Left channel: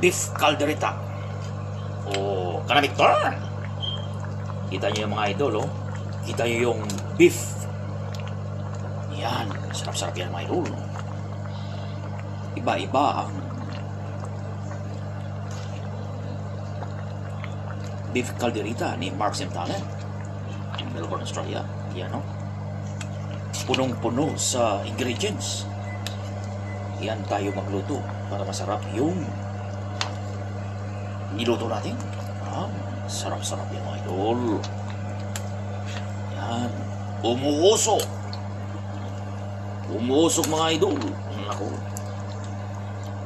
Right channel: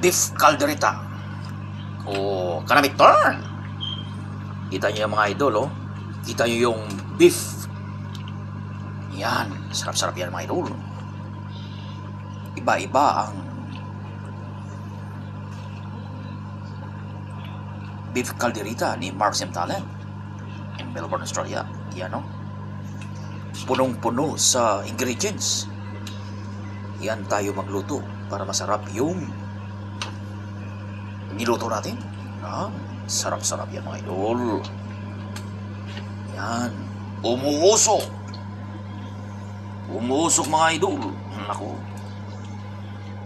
beef caldereta. O kanamit turn. Kita niyo yung mga idol, oh. Kita niyo yung beef. Yan, sarap-sarap yan mga idol. Iba-iba ang beef caldereta ni Mark Simtalan in Melbourne, Australia. Yan, oh. Punong-puno sa ingredients. Yan tayo magluto para masarap yung niluto natin. Yan, sarap-sarap yan mga idol. Yan, umuusok. Umuusok mga idol. Naku,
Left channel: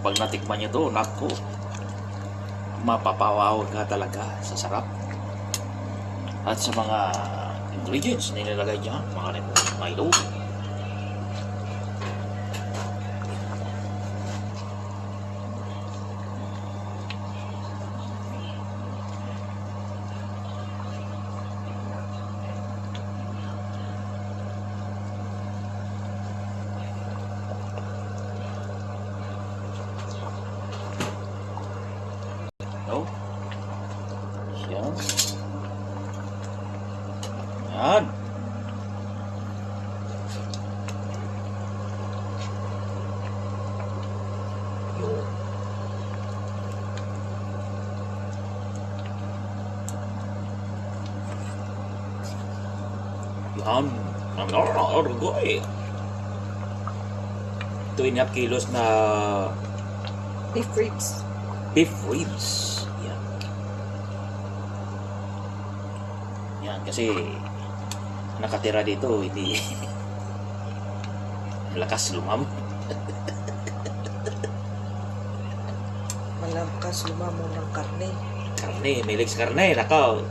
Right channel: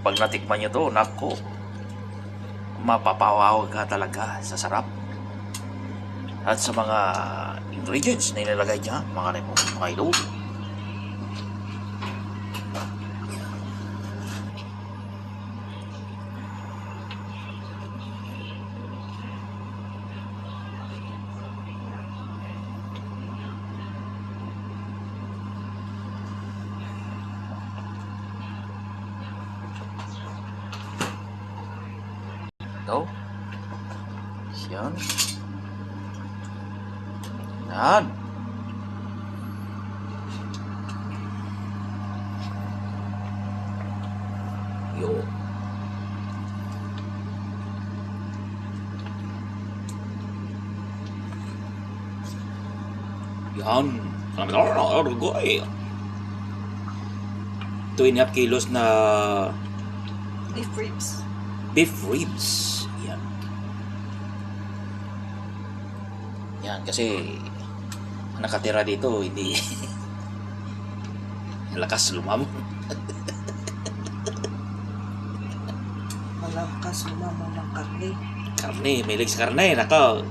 pag natikman nyo to, naku, mapapawawag ka talaga sa sarap. At sa mga ingredients na ilalagay dyan, mga idol. No? Yan. Yan. Yo. Yan. Orgoy. 2.5 kilos na Beef ribs. beef ribs. Yan. Yan, kasi nakatira dito, hindi lakas lumamo. Malakas lumamon ng karne. Karne, may legs karne, nako.